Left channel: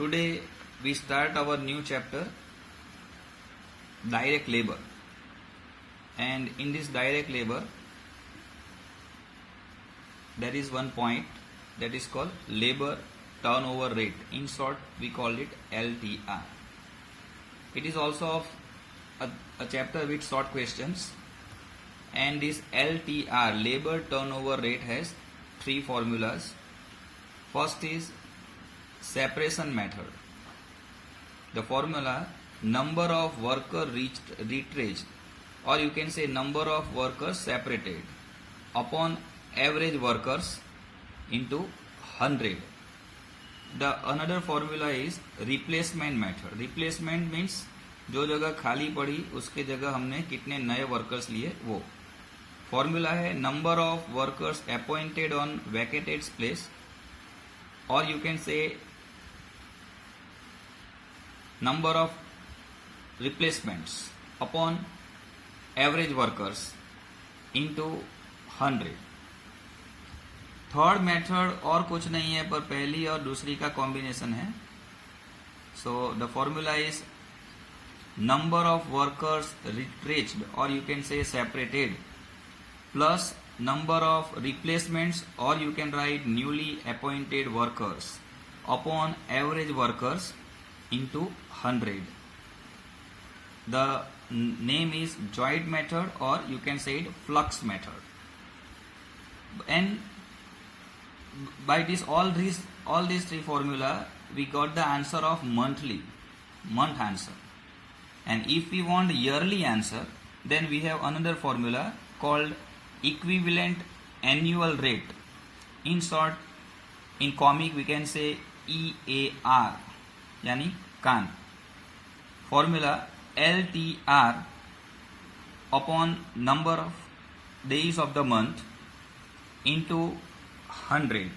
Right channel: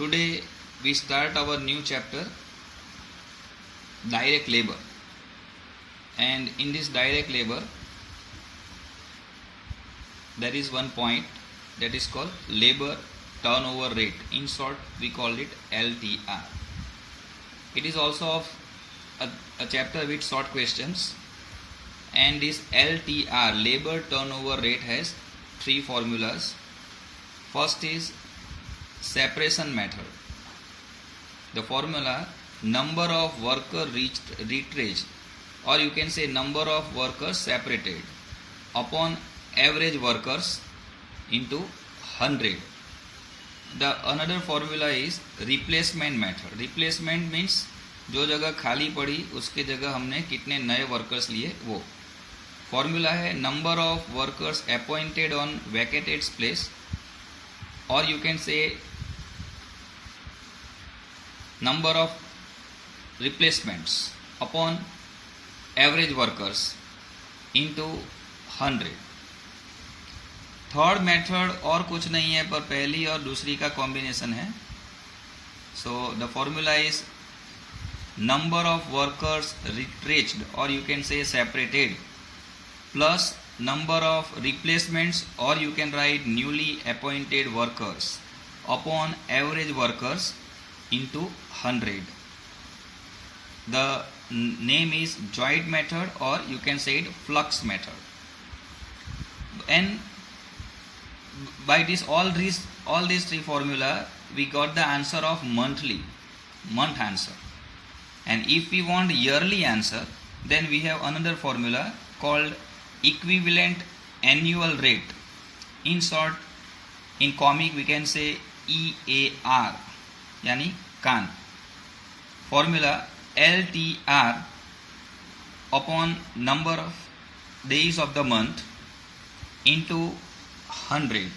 Today we start our new chapter, direct labor. And in this direct labor, there is one point that is called labor turnover rate. In short, we call it LTR. It is also of a chapter with short questions. And this LTR, labor turnover rate, has three formulas. First is separation method. The formula, number of workers retrenched, or you can say number of workers separated upon average workers into 100. The another formula is replacement method. Replacement means जो जगह खाली पड़ी उसके जगह हमने कितने नए workers लिए वो. फॉर्मूला है number of workers appointed on vacated place, और you can say number of replacements upon average workers into 100. Third method और कुछ नहीं है पर पहली और दूसरी का कॉम्बिनेशन है. So the formula is number of workers retrenched, और you can say separated, plus number of replacements, or you can write newly appointed workers upon average workers into 100. The name is joint method, or you can say it flux method. And by this all these three formula, we got the answer of month answer. And if we want yearly answer, then we have another formula called equivalent annual rate. In short, in comic we can say EAR, यानी कान. Formula LTR upon number of days of the month into 100.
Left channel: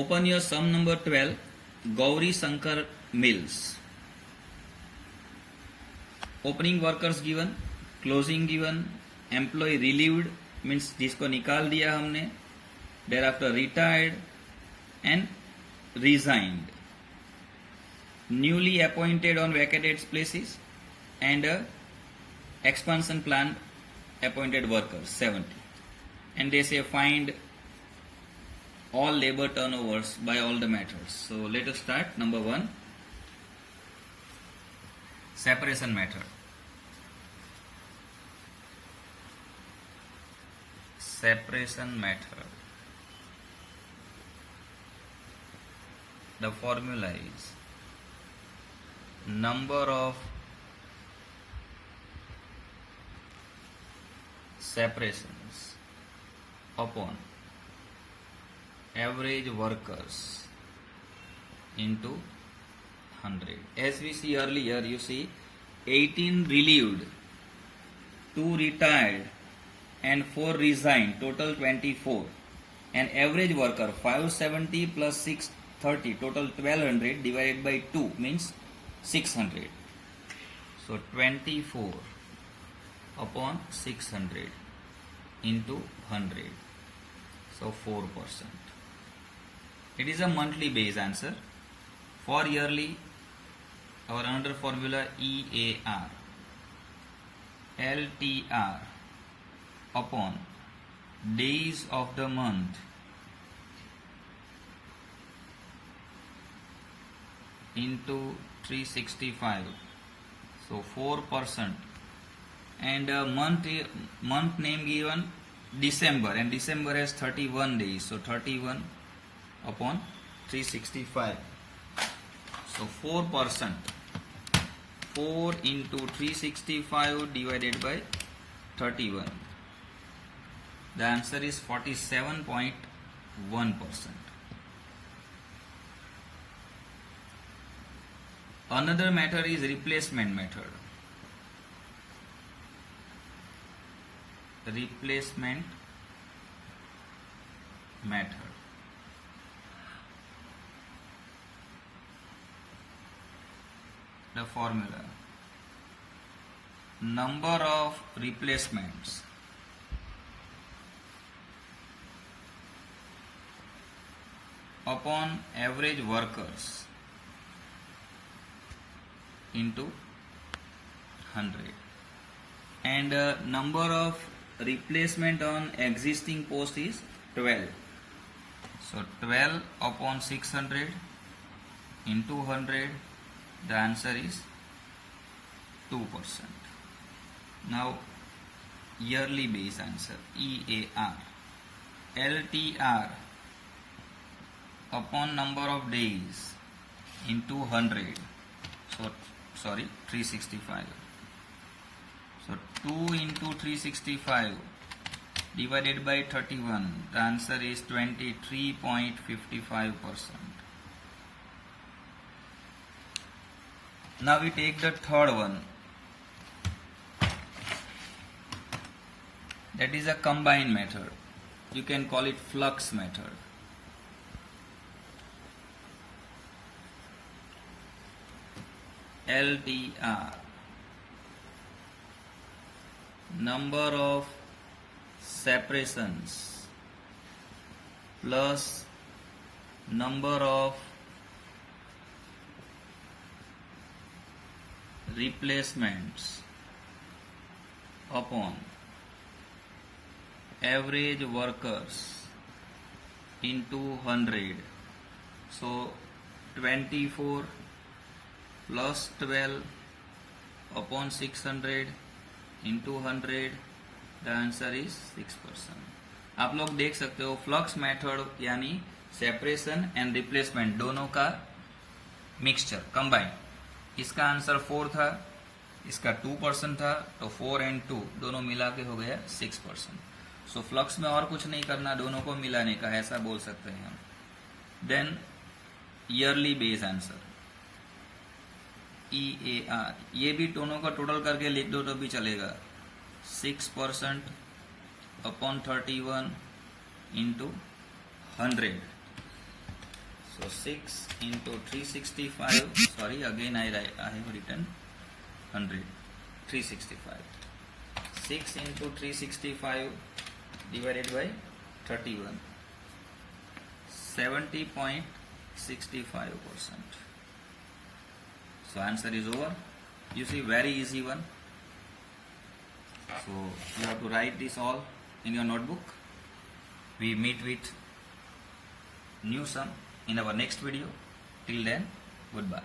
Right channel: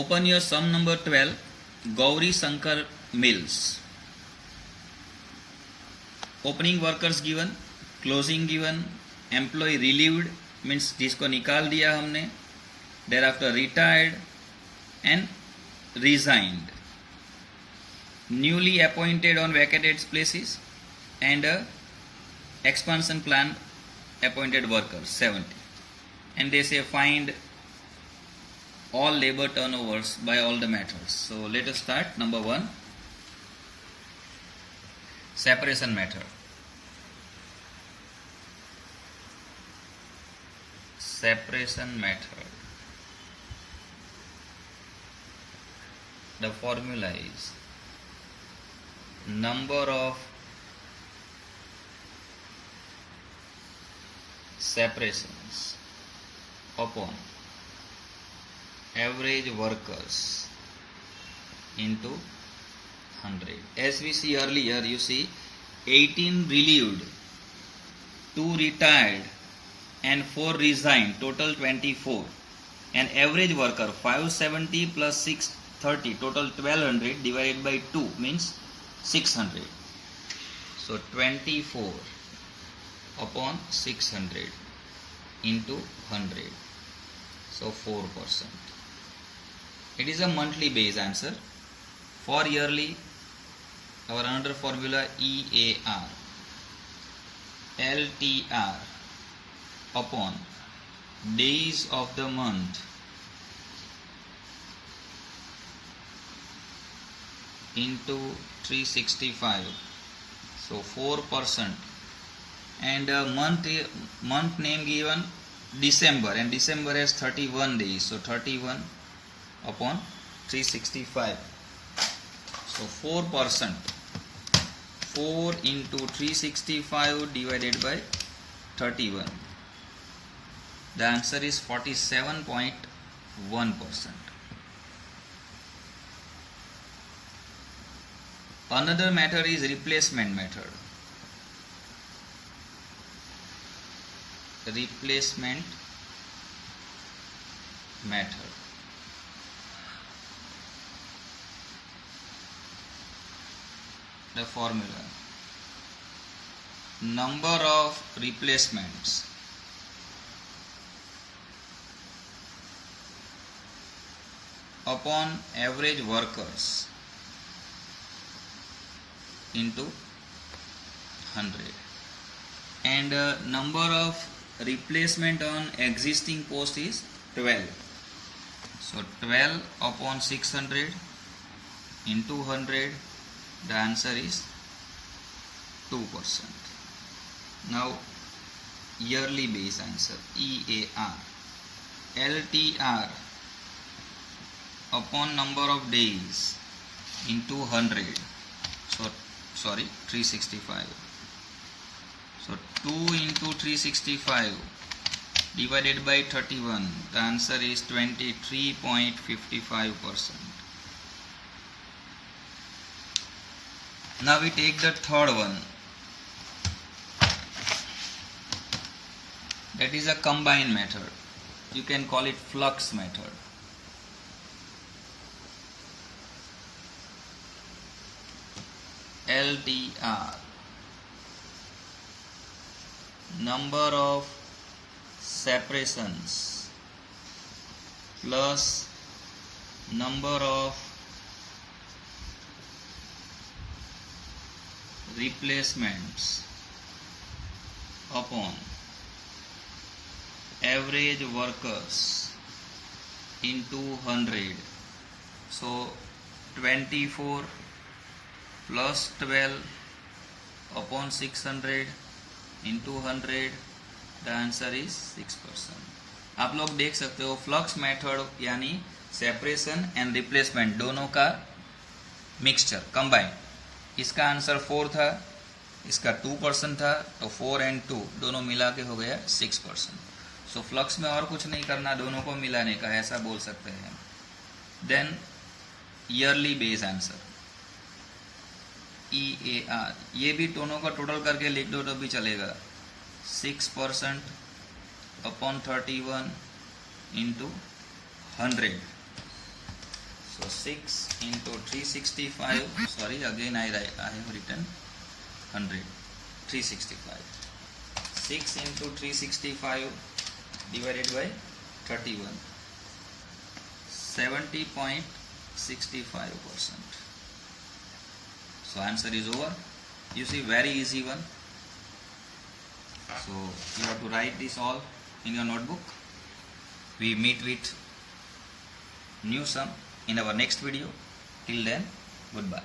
Open your sum number 12, Gauri Shankar mills. Opening workers given, closing given, employ relieved means जिसको निकाल दिया हमने, thereafter retired and resigned, newly appointed on vacated places, and expansion plan appointed workers 70. And they say find all labor turnovers by all the methods. So let us start. Number 1, separation method. Separation method. The formula is number of separations upon average workers into 100. As we see earlier, you see 18 relieved, 2 retired and 4 resigned, total 24. And average worker 570 plus 630, total 1200 divided by 2 means 600. So 24 upon 600 into 100. So 4%. It is a monthly base answer. For yearly, our another formula EAR, LTR upon days of the month into 365, so 4%. And month name given December, and December has 31 days, so 31 upon 365, so 4%. 4 into 365 divided by 31, the answer is 47.1%. Another method is replacement method. Replacement method. The formula, number of replacements upon average workers into 100, and number of replacement on existing post is 12. So 12 upon 600 into 100, the answer is 2%. Now yearly base answer, EAR, LTR upon number of days into 100, so 365. So 2 into 365 divided by 31, the answer is 23.55%. Now we take the third one, that is a combined method. You can call it flux method. LTR, number of separations plus number of replacements upon average workers into 100. So 24 plus 12 upon 600 into 100, the answer is 6%. आप लोग देख सकते हो flux method यानी separation and replacement दोनों का mixture combine. इसका answer 4 था, इसका 2% था, तो 4 and 2 दोनों मिला के हो गया 6%. सो फ्लक्स में और कुछ नहीं करना, दोनों को मिलाने का, ऐसा बोल सकते हैं. Then yearly base answer EAR, ये भी दोनों का टोटल करके लिख दो तो भी चलेगा. 6% upon 31 into 100. So 6 into 365. Sorry, again I have written 100. 365. 6 into 365 divided by 31. 70.65%. So answer is over. You see, very easy one. So you have to write this all in your notebook. We meet with new sum in our next video. Till then, goodbye.